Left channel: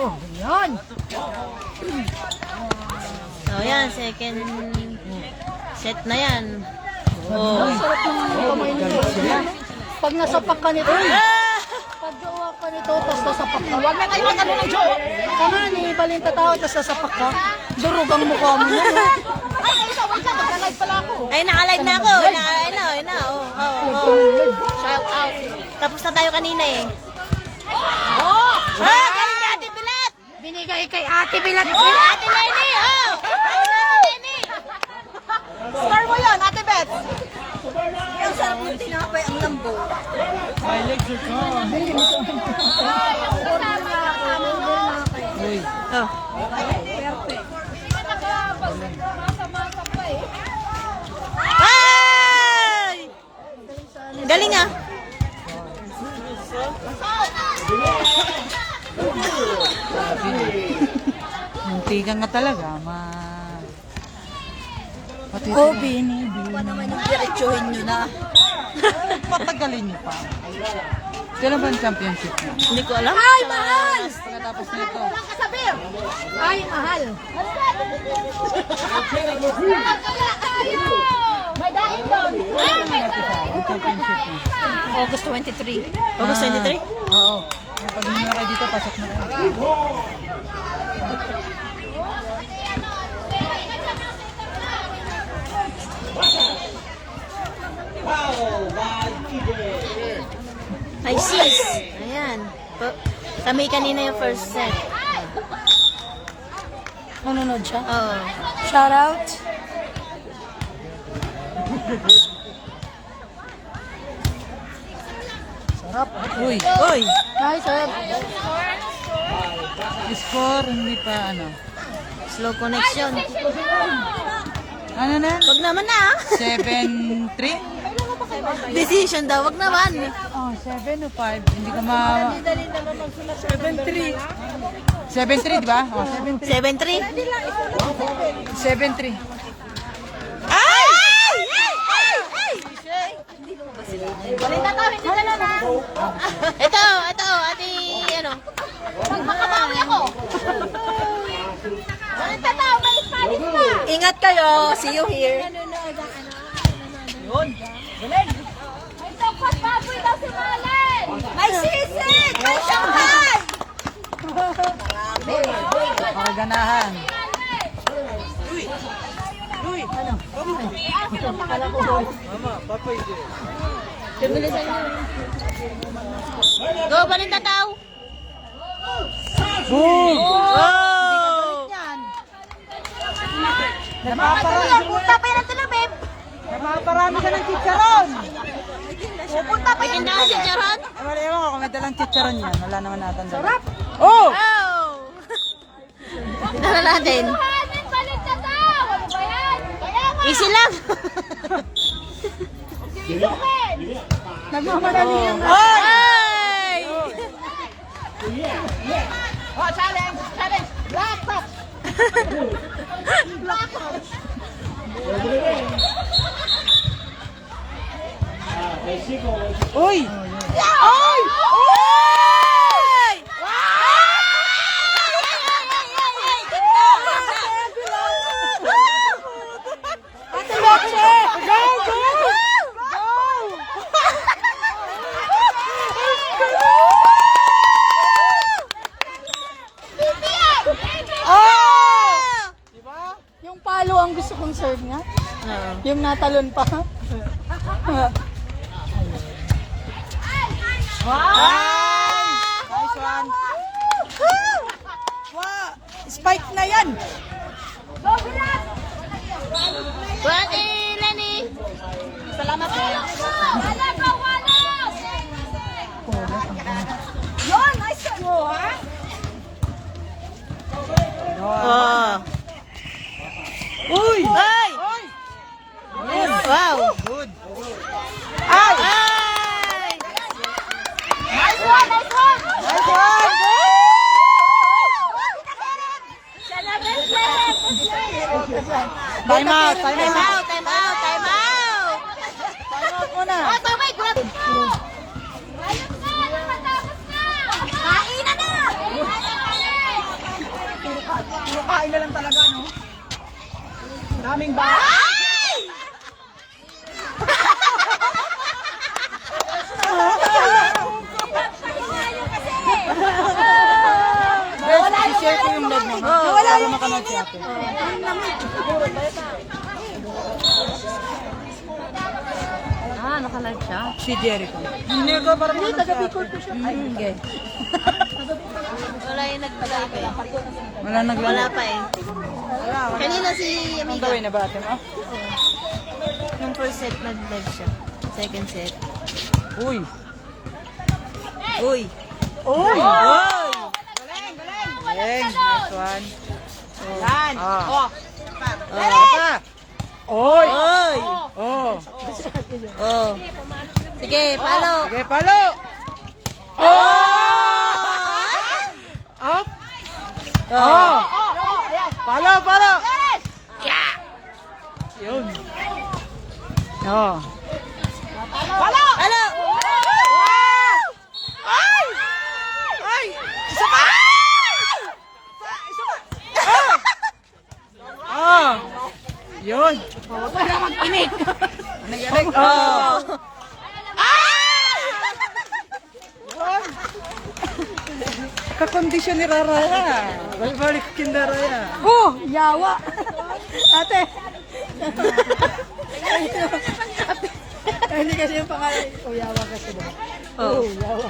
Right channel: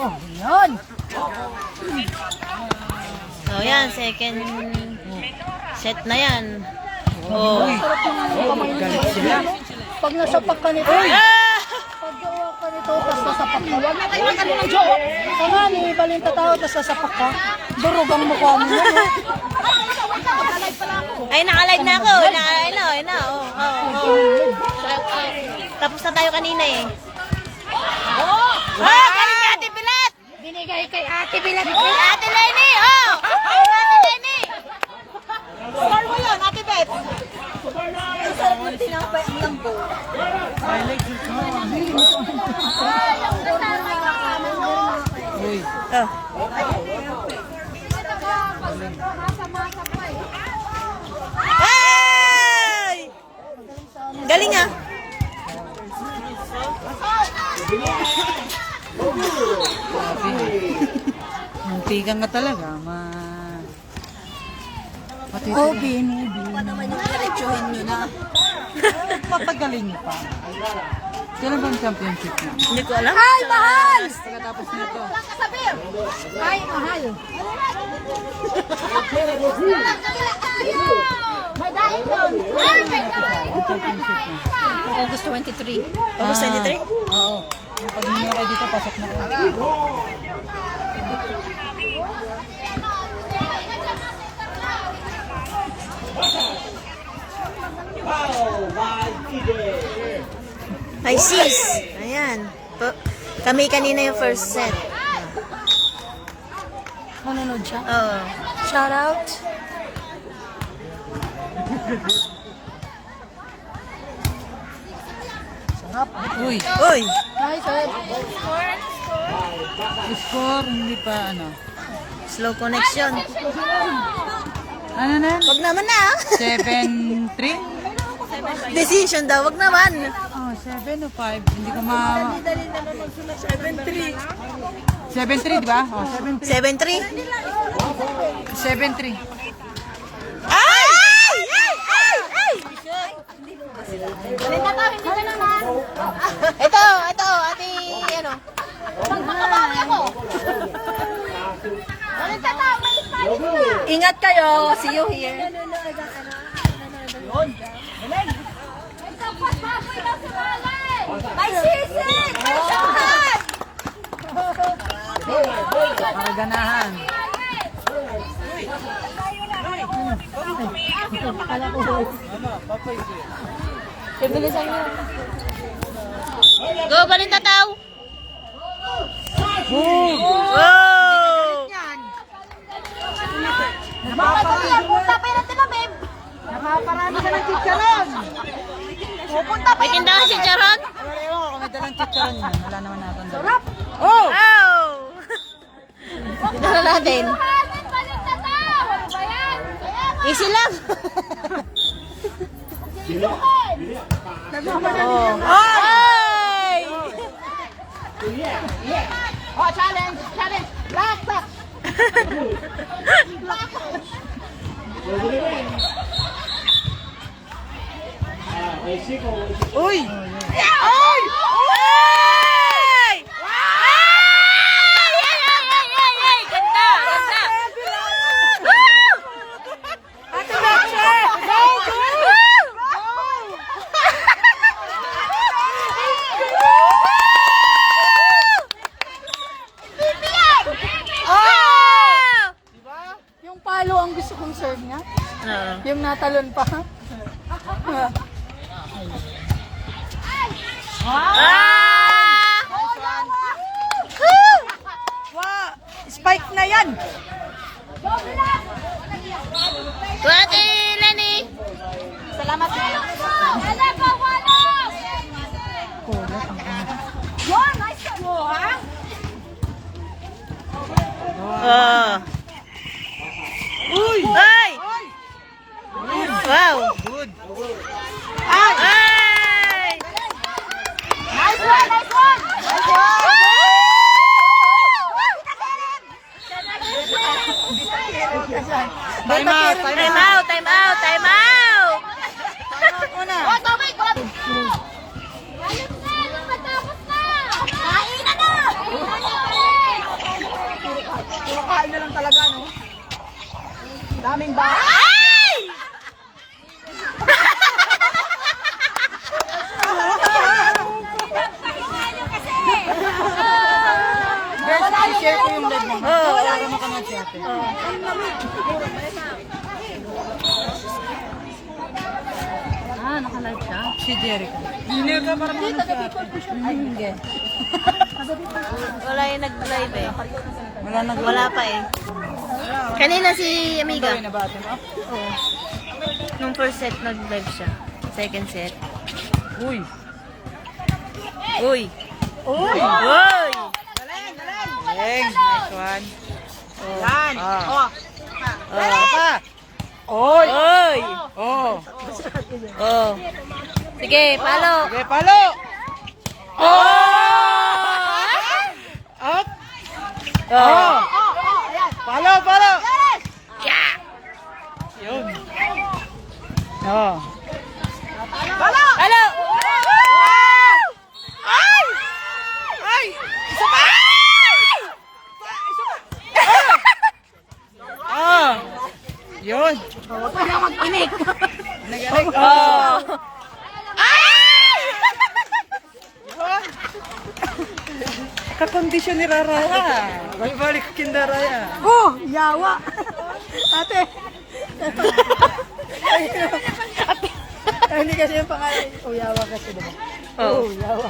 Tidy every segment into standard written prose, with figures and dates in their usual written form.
Oh, yan. So, yan. Second set na yan. Oh. Sarap yung kamay nito. Pag nasapak ka nito, pag gawa ka nito, tapos nasapak ka. Huwag na kayo magano ng joke. Tama ni, balinta tao, tapos nasapak ka. Durog ang mukha mo yan. Ay, isa, wait lang, mag-alive pala ako. Ay, nakalive na ako. Ayun na. Tapos na tayo kanina eh. Galing ni Ate Pilat! Binigay kay Ate Bilat. Ate Lenny! Ate Lenny! Sir mo yan, Ate Bet. Ang sarap ng tinapay ang lambo. Oh. Ay! Galing ah. Muntikan ka talaga, Oh, binibi. Pa naman yung diretsuhin nyo na. Patagalin niyo pa. Kailan ba ang championship niyo? Hindi ko alam. Ay, mahal! Pagkatapos nito. Kasabir! Ay, mahal. May dahil doon. Ay, may dahil. August 23. August 23? Oo. Pag hindi na kayo dito, pasok na kayo. Hi sis. Ayan. Kami kanina yung first set. Manunod siya. Oo. Shout out. Sarap. Uy, Uy! Ay, sir. score, hindi pa ano. Slow connection. Ano na? Wag naman na. 7-3? Decision daw. Wag naman. Oh, 7 o 5. Hindi ko ma... 7-3. 7-3, di ba? Oh, 7-3. 7-3. 7-3. Ay! Ito, ate, ano? Makabawi ako. Ingat kayo. See you here. Yun. Galing. Ay, sisig! Ay, siyanghan! Makaganahan. Go, Balinta Tao! Boom! Wow! Punta pa yan sila, babe. Napaparami ka ng chicharon. Pupunta pa May tindahan si Charon? Wala ewan ko kung may dalang chicharon yun. Wala naman natin. Sarap. Oh! Oh! Tignan natin. Balinta tao. Ano ba yan? Kaya nga. Easy lang. Sisukin. Nagmamadali yan. Ay! Oh, challenge. Challenge. Black box. Black box. Uy! Ay! Ay! Ay! Ganda! Ganda! Ate Roxy. Yung palo ang gusto kong serve niya. Oo. Yung natalon pa. Ah! Wow! Spike na yan! Ate Lenny! Salamat po! Yun! Nice mo, ha? Oh. Uy! Ay! Wow! Good. Ay! Nice one! Nice one! Nice one! Time out! Time out! Time out! Time out! Oh, tumay! Ayos na! Matapos na! Kain na na! Daming ba? Wala yung share ko yung lad mo. Oo. Wala yung kanal si ate. Naka-live siya? Si Jericho. Hindi, taga-Bicol po siya. Ay, hindi. Wala yung nag-live eh. Wala naglalaro. Wala pa eh. Kanina si Amiga. Gawin na ba ito? Nung first set nag-live siya. Second set. Uy. Uy! Uy. Uy! Galing. Nice one. Yan. Oh. Oh! Oy. Uy! Oh. Oh! Sige, palo! Sige, palo. Oh! Up. Oh! Palo, palo. Yun. Oh. Palo! Palo! Ay! Ay! Isa pa! Isa pa! Ah! Yun. Oh! Yun. Kakondisyon ni Raraya. Balik kindaraya. Oh, yawa. Ate. Hindi kasi yung pangalan. Oh, yawa kasi diba? Oh! Yawa.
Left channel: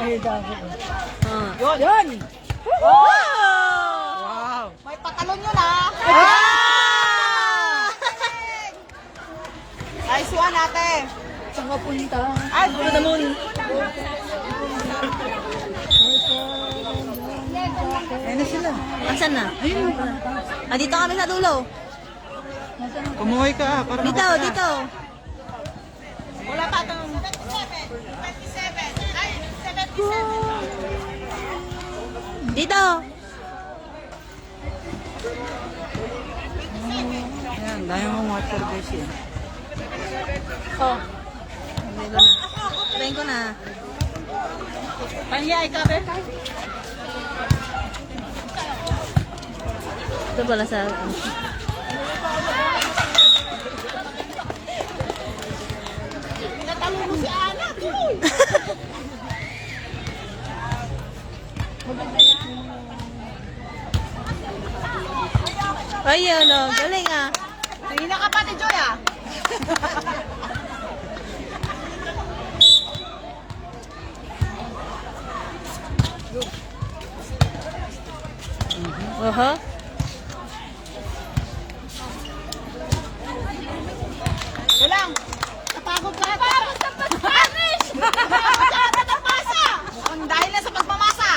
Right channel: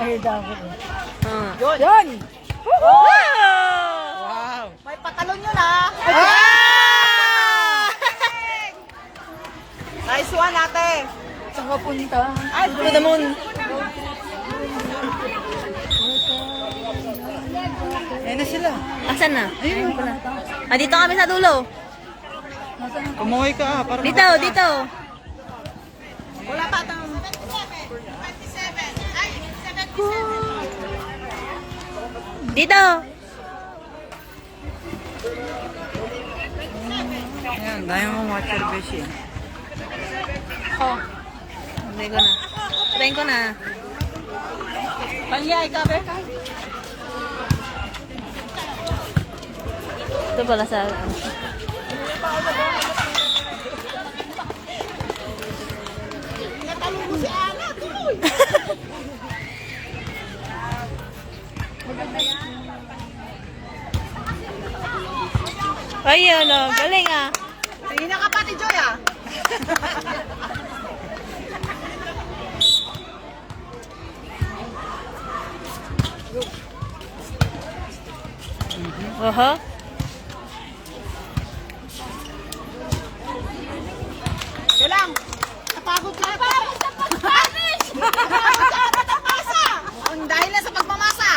Ay, dapat. Oh! Yun! Wow. May patalon yun ah. Ah! Nice one ate. Saan ka punta? Ay, to the moon. Ayun na sila. Asan na? Ayun pala. Ah, dito kami sa dulo. Kumuhay ka para Dito, makita. dito. Wala pa itong... Dito. Ayan, dahil mong watcher beshi. Oh. Try ko na. Try ko na. Panyay ka, Beka? Ito pala sa... Ayun, oh. Galing ah. Tingin na ka pati, Joy ah. Oho. Ito lang. Napagod ka. Napagod sa pag-Spanish! Napagod sa pag-pasa! Ang dahil na sa pagmamasa.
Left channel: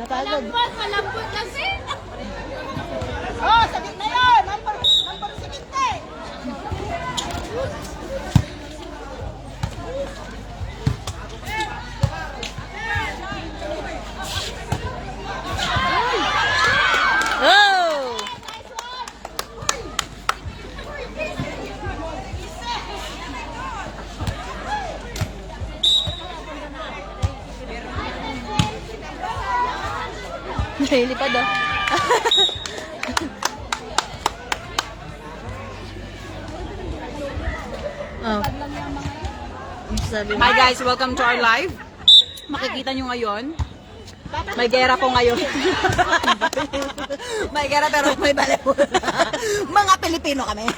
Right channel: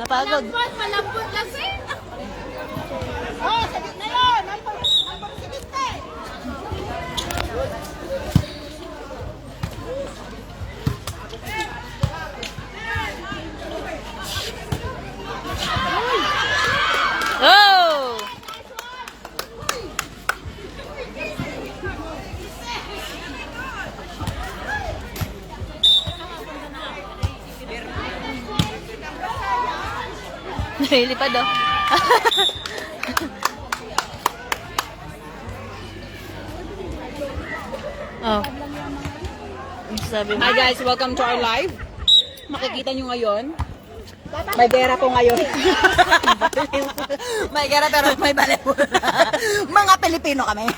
Napagod. Malambot kasi. Oh, sabit na yun. Number 70. Oh! Nilipad oh. Oh. Ano sabi mo? Hi guys, welcome to our live. Makikita nyo ngayon. May gera po ngayon. May gara pero may baliw. Mga Pilipino kami.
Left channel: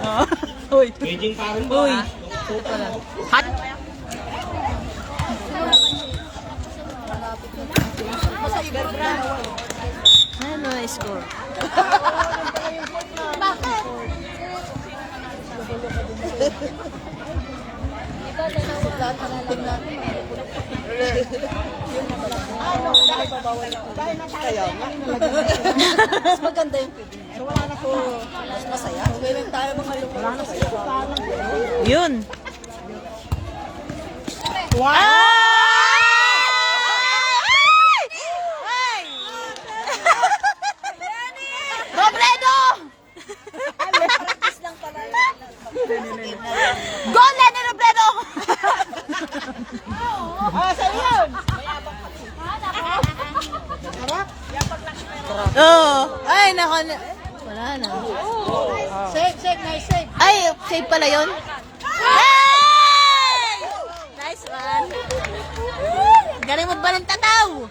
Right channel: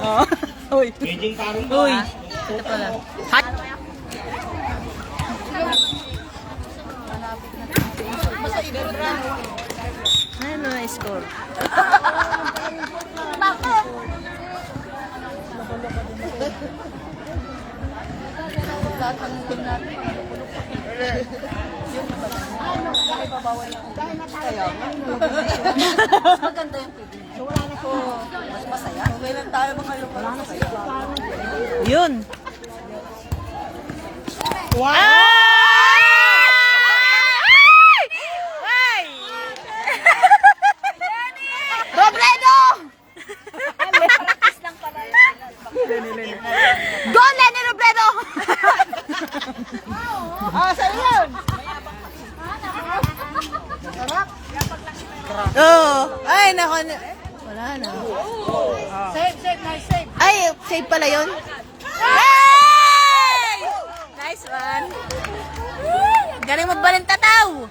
Oh. Uy. Uy. Ito pala. Hot. Ano na score? Maganda yung pili. So wala na ko mas masaya. Okay lang tayo mga lupa. Wala na sila. Yun. Wow! Ay! Robredo! Go, Lenny Robredo! Ah, sa'yo yun! Oh. Ay, nako. Wala na. Shake, nice shake. Ay, save pala yun. Hey! Nice one. Galing mo balintataw.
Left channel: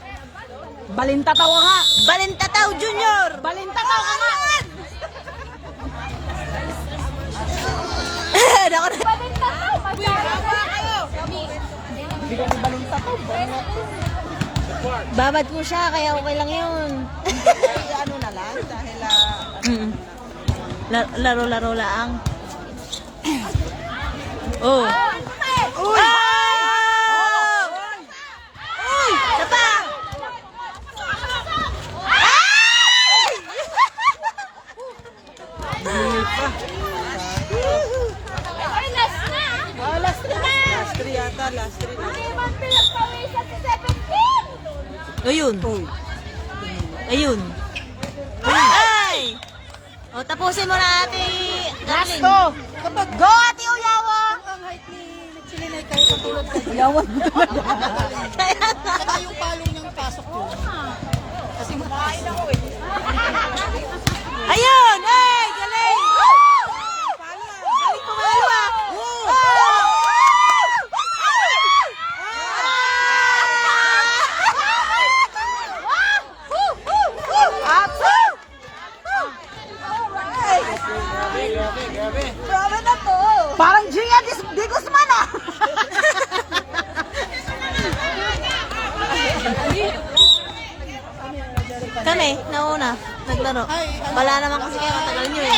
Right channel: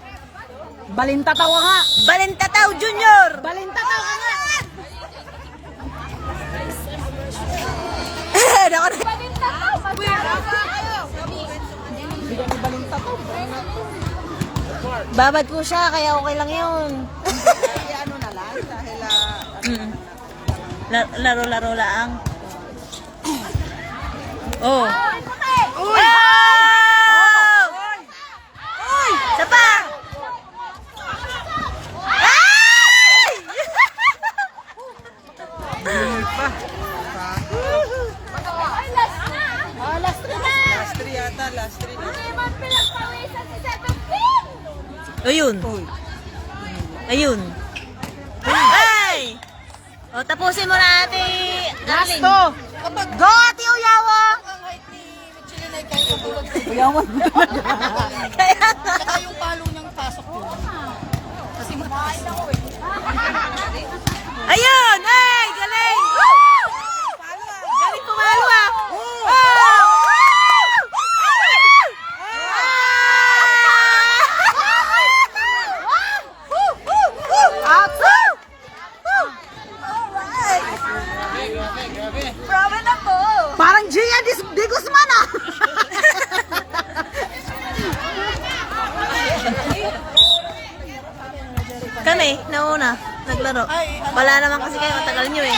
Balintataw ka nga. Balintataw Junior. Balintataw ka nga. Nako na. Bigyan ni balintataw. Babad po siya, kaya okay lang yun. Ano na lang, dahil Laro-laro lang. Oh. Uy! Oh! Uy! Isa pa! Ay! Last three na. Last three yata, last three. Ayun. Ayun. Ay! O, tapusin mo na, ate. Last Darling. to. Go, ate Uyawa! Uyawan mo talaga. Kaya nga. Yung palong ng pasok ko. Kasi mataas. Ayun! Ay! Galing! Galing pumalo ah! Parang Gia Di Guzman ah. Kami, nauna, naglaro. Wala naman kasi kayo, matagal nyo eh.